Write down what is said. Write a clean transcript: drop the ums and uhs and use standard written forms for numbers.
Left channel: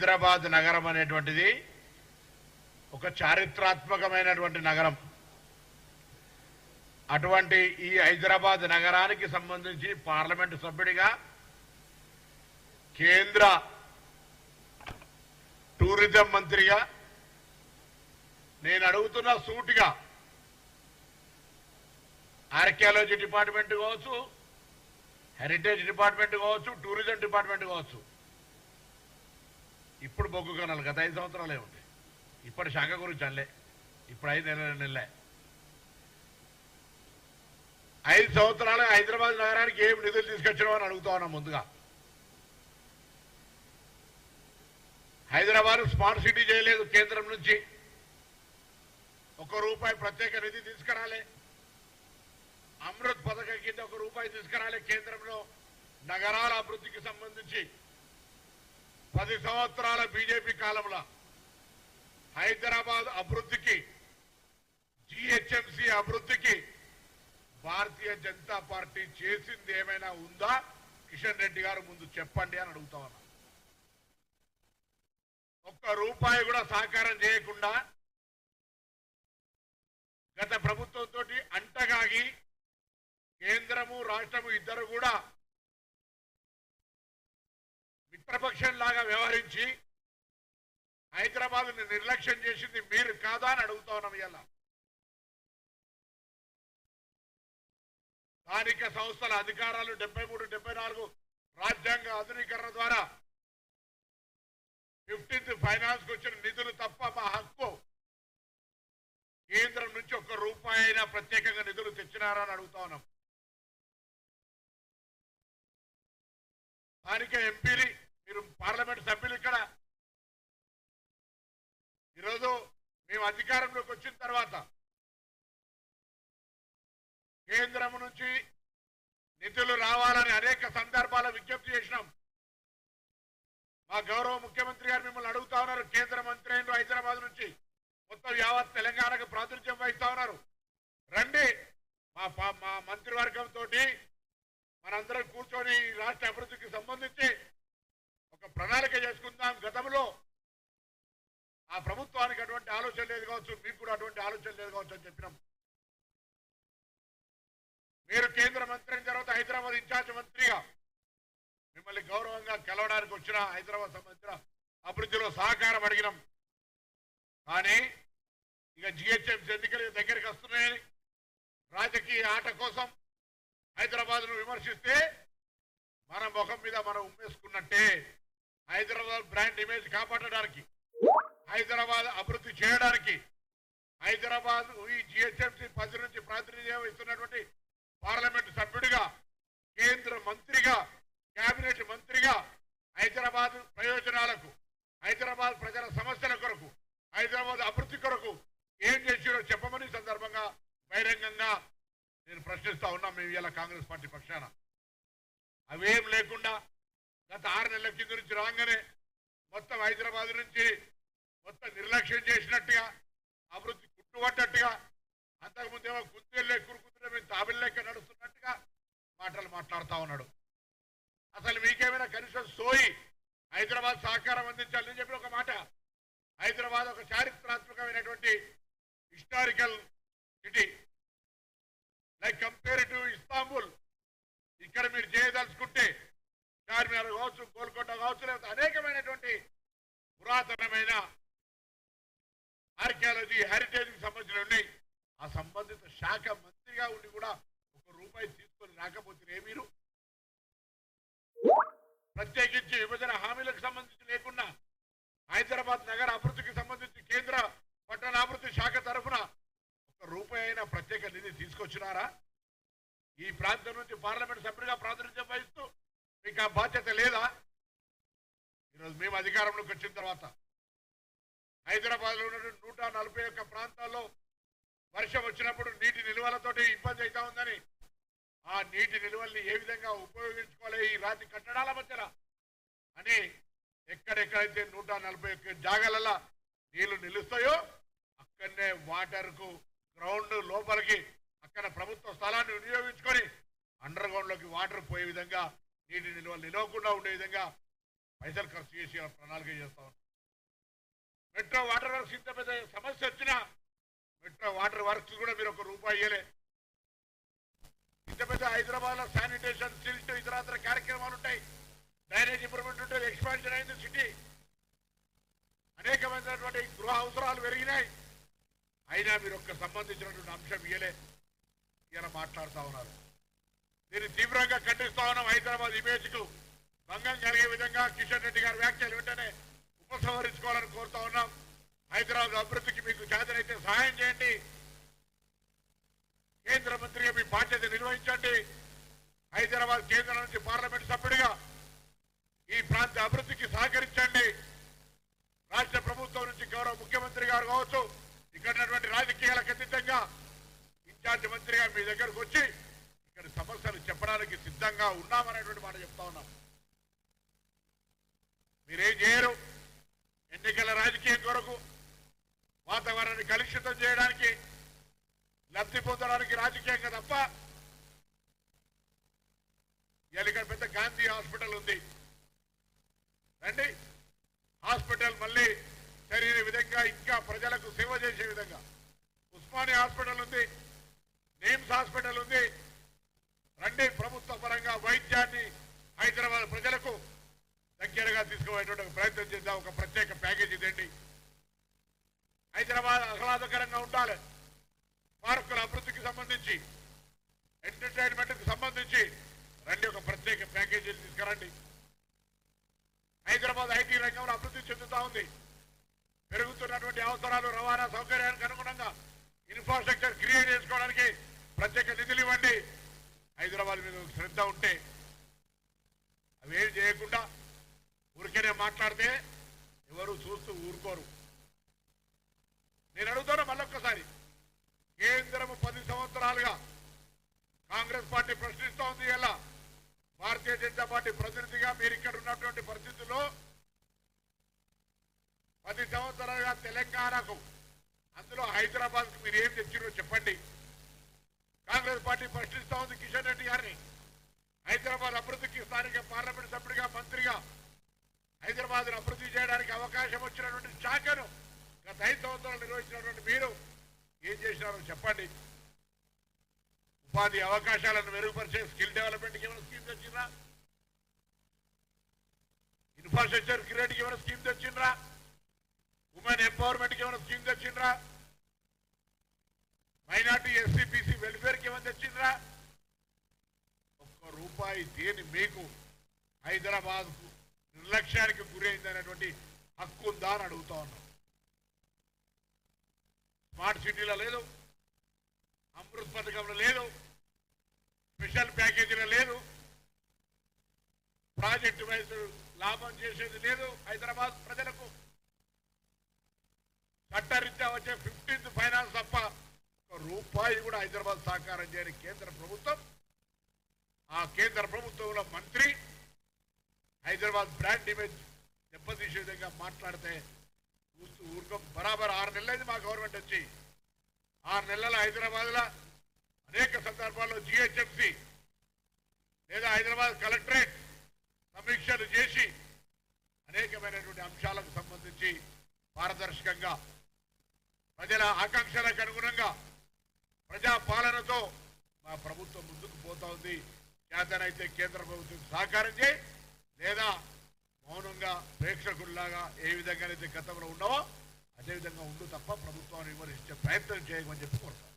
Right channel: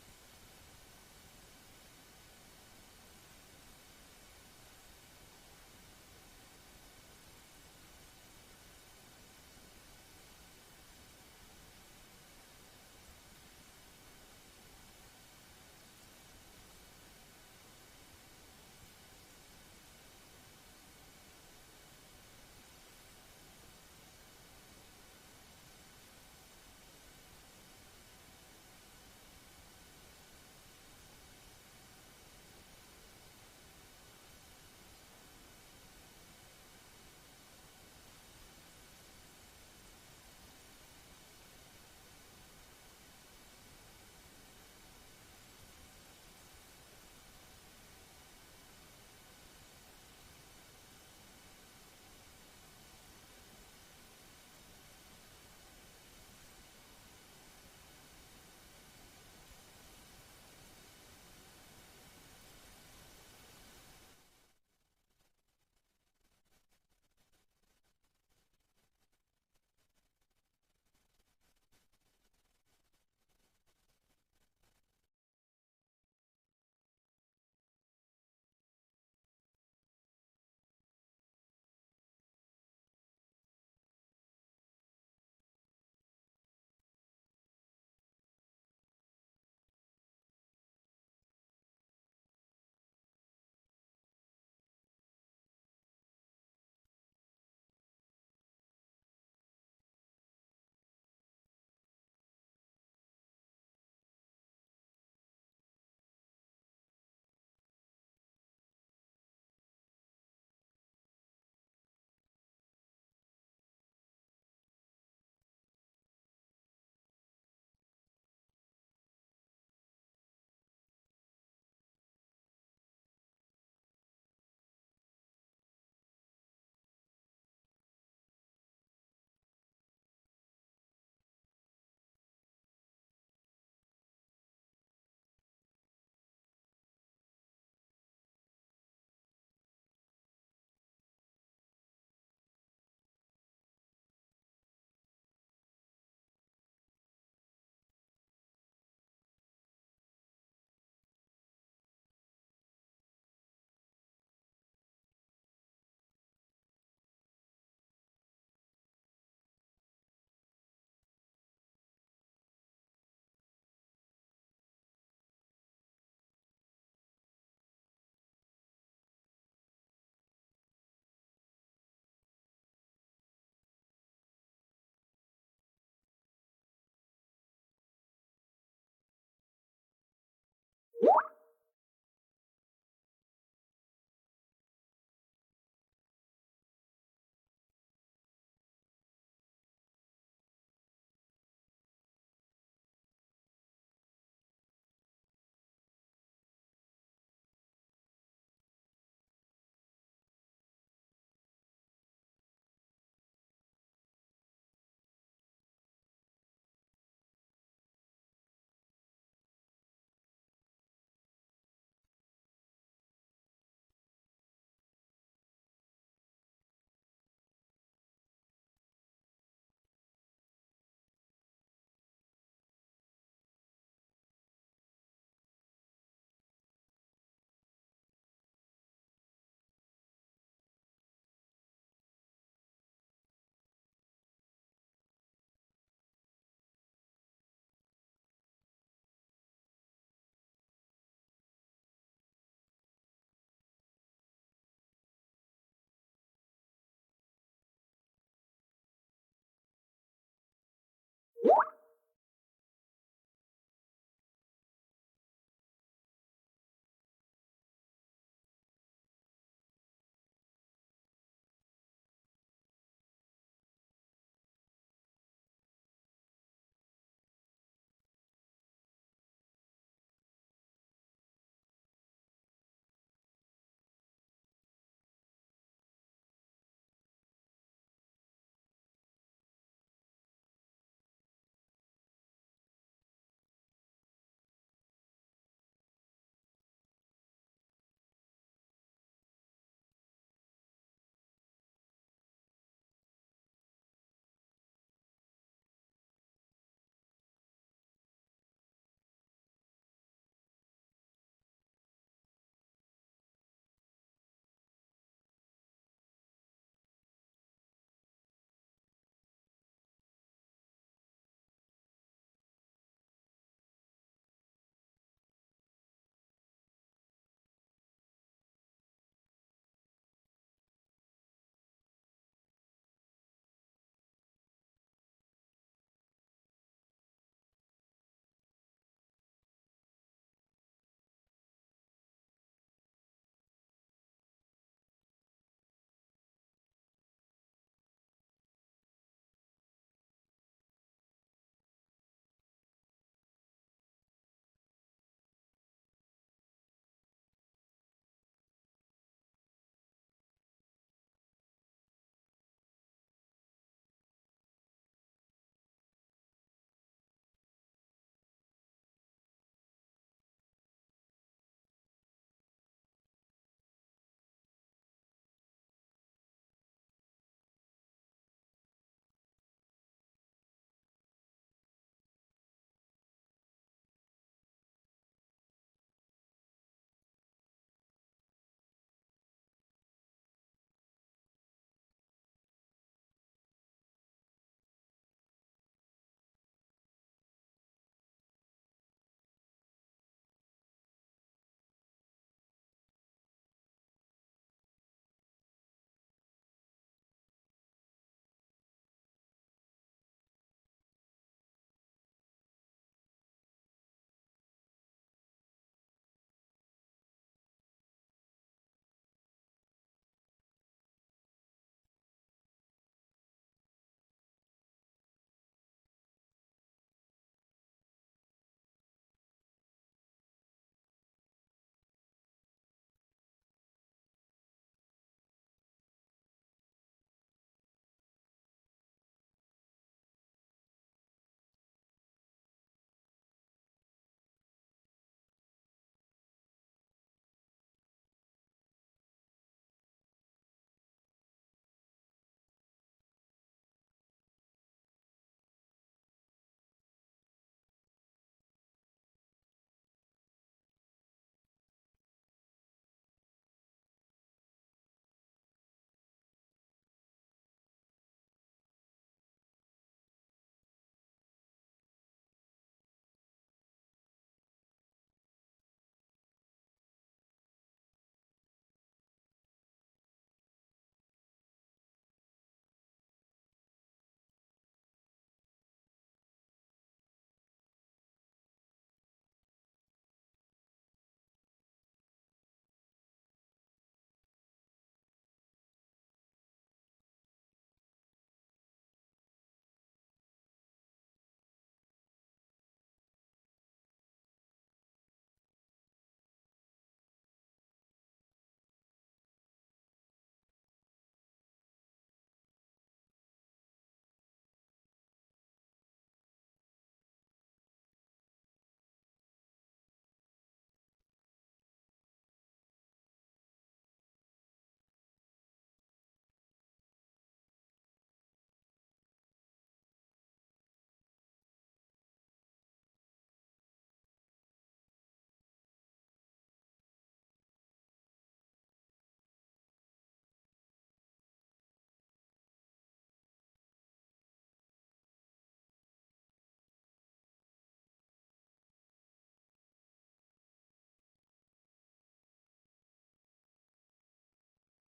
హైదరాబాద్ నగరం అనేటువంటిది ఒక చారిత్రాత్మకమైనటువంటి నగరం. అటువంటి ఈ హైదరాబాద్ నగరానికి సంబంధించి పార్లమెంటు సభ్యుడిగా కేంద్ర టూరిజం మంత్రిగా నేను అడుగుతున్న సూటిగా ఆర్కియాలజీ డిపార్ట్మెంట్ కావచ్చు, హెరిటేజ్ డిపార్ట్మెంట్ కావచ్చు, టూరిజం డిపార్ట్మెంట్ కావచ్చు, ఇప్పుడు బొగ్గు కనాలి గత 5 సంవత్సరాలే ఉంది. ఇప్పటి శాఖ గురించి అల్లే, ఇప్పుడు 5 నెలలే. 5 సంవత్సరాలు హైదరాబాద్ నగరానికి ఏం నిధులు తీసుకొచ్చినావు అని అడుగుతా ఉన్నా. ముందుగా హైదరాబాద్ స్మార్ట్ సిటీ చేయలేదు. కేంద్రం నుంచి ₹1 ప్రత్యేక నిధి తీసుకురాలే. అమృత్ పథకం కింద ₹1 తీసుకురాలే. కేంద్రంలో నగరాల అభివృద్ధికి సంబంధించి 10 సంవత్సరాల బీజేపీ కాలంలో హైదరాబాద్ అభివృద్ధికి, జీహెచ్ఎంసీ అభివృద్ధికి భారతీయ జనతా పార్టీ చేసింది ఏమైనా ఉందా? కిషన్ రెడ్డి గారు ముందు చెప్పండి అని అడుగుతా ఉన్నా. ₹1 కూడా సహకారం చేయకుండా గత ప్రభుత్వంతో అంటగాగి కేంద్రము రాష్ట్రము ఇద్దరు కూడా మిత్రపక్షంలాగా వ్యవహరించి హైదరాబాద్ని నిర్లక్ష్యం చేసింది మీరు కాదా అని అడుగుతా ఉన్నాం. ఇలా స్థానిక సంస్థల అధికారాలు 73, 74 రాజ్యాంగ ఆధునీకరణ ద్వారా 15th ఫైనాన్స్ కు వచ్చిన నిధులు తప్ప మా హక్కు. కేంద్రం నుంచి ₹1 అయినా ప్రత్యేకంగా నిధులు తెచ్చినారా అని అడుగుతా ఉన్నాం. స్థానిక ఎంపీలు, మీరు పార్లమెంట్ సభ్యులు ఇక్కడ ఈరోజు మేము అధికారంలోకి వచ్చిన తర్వాత కేంద్రం నుంచి నిధులు రావాలని అనేక సందర్భాల విజ్ఞప్తి చేసినాం. మా గౌరవ ముఖ్యమంత్రి గారు మిమ్మల్ని అడుగుతా ఉన్నారు. కేంద్ర మంత్రి అయిన హైదరాబాద్ నుంచి మొత్తం యావత్ తెలంగాణకు ప్రాతినిధ్యం వహిస్తా ఉన్నారు. రండి, మా మంత్రివర్గంతో మనందరం కూర్చొని రాష్ట్ర అభివృద్ధికి సంబంధించి ఒక ప్రణాళిక చేసుకుందాం. గతంలో ఆ ప్రభుత్వానికి అటువంటి ఆలోచన లేదు కావచ్చు, మీకు కూడా అటువంటి ఆలోచన లేదు కావచ్చు అని చెప్పినాం. మీరు కేంద్ర మంత్రి అయిన తర్వాత హైదరాబాద్ ఇన్ఛార్జ్ మంత్రిగా మిమ్మల్ని గౌరవంగా కలవడానికి వచ్చిన హైదరాబాద్ సంబంధించిన అభివృద్ధిలో సహకారం అడిగినాం. కానీ ఇక జిహెచ్ఎంసీ ఎన్నికలు దగ్గరికి వస్తున్నాయని రాజకీయ ఆట కోసం హైదరాబాద్ ను విమర్శిస్తే మన ముఖం మీద మనం ఉమ్మేసుకున్నట్టే. హైదరాబాద్ బ్రాండ్ ఇమేజ్ కాపాడడానికి, హైదరాబాద్ అభివృద్ధి చేయడానికి, హైదరాబాద్ ఈ జిహెచ్ఎంసీ 10 నుంచి ప్రాతినిధ్యం ఇస్తున్నటువంటి పార్లమెంటు సభ్యుడిగా, కేంద్ర మంత్రిగా, కేబినెట్ మంత్రిగా హైదరాబాద్ ప్రయోజనాలకు, హైదరాబాద్ ప్రజల సమస్యల కొరకు, హైదరాబాద్ అభివృద్ధి కొరకు ఏం చేసిరో చెప్పమని సందర్భంగా బహిరంగంగా నేను ప్రశ్నిస్తా ఉన్నా. మేము ఇలా కాంగ్రెస్ పార్టీ పక్షాన అవేం లేకుండా గత 6 నెలల కింద నుంచి రాగానే మొత్తం హైదరాబాద్ నుంచి మొత్తం నిర్లక్ష్యం చేసినట్టుగా, అభివృద్ధి కుట్టుబడ్డట్టుగా, అంతకుముందేమో కుందేళ్ళు కురుకుంటే మేము తాబిల్లెక్క నడుస్తున్నట్టుగా మాటలు మాట్లాడుతూ ఉన్నాడు. అసలు మీకేమైనా కనీసం సోయి హైదరాబాద్ సహకారం అందించాలని చెప్పి ఒక మాట. హైదరాబాద్ ఒక చారిత్రాత్మకమైనటువంటి historical city, like compare to Istanbul. ఇక్కడ మీరు చేయదలుచుకుంటే చార్మినార్ కావచ్చు, గోల్కొండ కావచ్చు, లేకపోతే అనేకమైనటువంటి పురాతనమైన ఆర్కియాలజీ, హెరిటేజ్ కి సంబంధించిన ఉన్నాయి. ఆ సంబంధిత శాఖ మంత్రిగా ఉండి కూడా ₹1 తీసుకొని రాకపోతే మీరు ప్రత్యేకించి విభజన హామీలకు సంబంధించి లేకుండా హైదరాబాద్ నగర అభివృద్ధికి సంబంధించి కేంద్ర పట్టణాభివృద్ధి శాఖ తరఫున ₹1 అయినా ప్రత్యేక నిధి తీసుకొచ్చినారా? ఈ ప్రాంతం నుంచి పార్లమెంట్ సభ్యుడిగా ప్రాతినిధ్యం వహిస్తూ మీకు ఆ బాధ్యత లేదా? ఈరోజు మేము అధికారంలోకి వచ్చిన తర్వాత హైదరాబాద్ లో ఉన్న 141 ప్రాంతాల్లో వర్షం వచ్చినప్పుడు నీటి నిల్వలతోటి ఇబ్బంది అవుతా ఉందని, ఆ నీటి నిల్వల్ని ఏ విధంగా ఉపయోగించుకోవాలి ఈ రాతి కట్టడాల మధ్యన అని ఎక్కడెక్కడైతే 141 జాగాలలో నీళ్లు నిలుస్తాయో అక్కడనే వాటర్ కు గ్రౌండ్ లోపలికి అక్కడ ప్రభుత్వ స్థలాన్ని వినియోగించుకొని అండర్ గ్రౌండ్ లోకి వాటర్ పోయే విధంగా, నీటి నిల్వలు నిలవకుండా ఉండే విధంగా పైసలు ఖర్చు చేసి ప్రణాళిక చేస్తా ఉన్నాం. మెట్రో వాటర్ వర్క్స్ ఇంత పెద్ద సమస్య వచ్చినా మెట్రో వాటర్ వర్క్స్ కూడా మీరు ₹1 ఇయ్యలే. ఇంత పెద్ద హైదరాబాద్ లో శానిటేషన్, సిల్ట్, ఇతరత్ర కార్యక్రమాలు ఉంటాయి, డ్రైనేజ్ ఇంప్రూవ్మెంట్ ఉంటుంది, ఎక్స్పాన్షన్ అయింది సిటీ, అనేకమైనటువంటి గృహ అవసరాలు పెరిగినాయి. అయినా మీరు సంబంధించినటువంటి అంశం ఇయ్యలే. ఇలా మాట్లాడుతూ ఉన్నారు. దీన్ని తీవ్రంగా ఖండిస్తా ఉన్నాం. హైదరాబాద్ ఇమేజ్ కు భంగం కలిగే విధంగా కిషన్ రెడ్డి గారి వ్యాఖ్యలు వెంటనే ఉపసంహరించుకోవాలని కోరుతా ఉన్నాం. హైదరాబాద్ అభివృద్ధికి మీకు చేతనైతే సహాయం చేయండి. కేంద్ర మంత్రిగా మీ బాధ్యత నిర్వహించండి. హైదరాబాద్ కేంద్రం నుంచి పార్లమెంట్ సభ్యుడిగా ఈ ప్రాంత అభివృద్ధికి సహకరించండి. రాష్ట్ర ప్రభుత్వం నుంచి గౌరవ ముఖ్యమంత్రి గారు కావచ్చు, ఇక్కడ రాజకీయాలకు అతీతంగా ఇన్ఛార్జ్ మంత్రిగా మీ దగ్గరకు వచ్చి ఇక్కడ సమస్యలు చెప్పడానికి సిద్ధంగా ఉన్నామనేటువంటి మాట చెప్తా ఉన్నాం. మీరేం చేయరు. ఎన్నికల రాజకీయం కొరకు వాతావరణాన్ని కలుషితం చేయడానికి, లబ్ధి పొందడానికి రాజకీయంగా తప్ప. ఇక్కడ పెద్ద గాంధీ హాస్పిటల్ ఉంది, రండి. హాస్పిటల్ మళ్ళీ సరైన విధంగా ఇంకా ప్రజలకు సేవ చేసే విధంగా ఉస్మానియా హాస్పిటల్ ఉంది, నిమ్స్ హాస్పిటల్ ఉంది. రండి, ప్రభుత్వ పరంగా వైద్యాన్ని హైదరాబాద్ ప్రజలకు దగ్గరగా తీసుకుపోయేటువంటి ప్రయత్నం చేద్దాం. ఒక ప్రత్యేక ప్యాకేజీ తెండి. హైదరాబాద్ ఆహ్లాదకరంగా ఉండాలి. పార్కుల అభివృద్ధికి సంబంధించి, ఎంటర్టైన్మెంట్ కి సంబంధించి రండి, ఒక ప్రత్యేక ప్యాకేజీలు తీసుకురండి. హైదరాబాద్ ఐటీ రంగంలో అభివృద్ధి చెందుతా ఉంది. పెరుగుతున్నటువంటి అవసరాలు, రవాణా సౌకర్యానికి అనుగుణంగా ఇన్ఫ్రాస్ట్రక్చర్ క్రియేట్ చేసుకోవడానికి ప్రత్యేక నిధులు ఇవ్వండి. హైదరాబాద్ మీద శ్రద్ధ ఉంటే అవేం చేయకుండా ఊరికేనే మాట్లాడితే ఎవరు చూస్తూ ఊరుకోరు. నేను అడుగుతాను మళ్ళొక్కసారి, కేంద్రము 10 సంవత్సరాలుగా కాంగ్రెస్ పార్టీ ప్రశ్నిస్తూ ఉంది. ఇలా భారతీయ జనతా పార్టీ ప్రతినిధిగా మీరు ఇక్కడ ఉన్నటువంటి పరిస్థితుల్లో 10 సంవత్సరాలుగా తెలంగాణకు, అందులో హైదరాబాద్ కు మీరు ఏం తెచ్చిరో చెప్పండి. కాంగ్రెస్ పార్టీ ప్రశ్నిస్తూ ఉంది కిషన్ రెడ్డి గారిని. హైదరాబాద్ అభివృద్ధికి స్థానిక పార్లమెంట్ సభ్యుడిగా, మంత్రిగా హైదరాబాద్ అభివృద్ధి చేయడానికి అవకాశం వచ్చినటువంటి శాఖను గత 5 సంవత్సరాలు నిర్వహించినటువంటి మీరు ఏం చేసినారో చెప్పండి. ఉపాధి అవకాశాలను మెరుగుపరిచే స్కిల్ డెవలప్మెంట్కి ఏమైనా స్కీమ్ తెచ్చిండ్రా? ఇన్ఫ్రాస్ట్రక్చర్ క్రియేట్కి ఏమైనా స్కీమ్ తెచ్చిండ్రా? ఉమెన్ ఎంపవర్మెంట్కి ఏమైనా స్కీమ్ తెచ్చిండ్రా? మైనార్టీ, ఎస్సీ, బీసీ వెల్ఫేర్కి ఏమైనా తెచ్చిండ్రా? ₹1 దేని మీకు హైదరాబాద్ కు నిర్లక్ష్యానికి గురైందనేటువంటి హక్కు ఉందా అని అడుగుతా ఉన్నాం. స్మార్ట్ సిటీలో లేదు, అమృత్ పథకంలో లేదు, స్పెషల్ ప్యాకేజీలో లేదు, ప్రాజెక్టు వైపు లాభం చేసేది లేదు. హైదరాబాద్ ప్రజలకు చట్టరీత్యా వచ్చే 15th ఫైనాన్స్ తప్ప ₹1 కూడా హైదరాబాద్ సహకారం చేయని కేంద్ర ప్రభుత్వం, ఆ కేంద్ర ప్రభుత్వంలో మంత్రి హైదరాబాద్ బ్రాండ్ ఇమేజ్ దెబ్బతీసే విధంగా మాట్లాడితే చూస్తూ ఊరుకోం. బరాబర్ 6 నెలలైంది మా గవర్నమెంట్ వచ్చి. 6 నెలల హైదరాబాద్ లో అనేక సందర్భాల్లో జిహెచ్ఎంసీ లేదా హైదరాబాద్ కలెక్టరేట్ సమీక్షలు చేసి అనేకమైనటువంటి అంశాలకు సంబంధించి పారదర్శకంగా ప్రజల ఆకాంక్షలకు అనుగుణంగా ప్రజా పాలనతో మా ప్రభుత్వం ముందుకు పోతా ఉంది. చేతనైతే కేంద్ర ప్రభుత్వం సహకారం చేయి, లేదా మౌనంగా ప్రేక్షకుల్లాగా ఏ విధంగానైతే గతంలో ఉన్నావో అదేవిధంగా ఉండు తప్ప ప్రభుత్వాన్ని విమర్శించే ప్రయత్నం చేయమని చెప్పి కోరుతాను.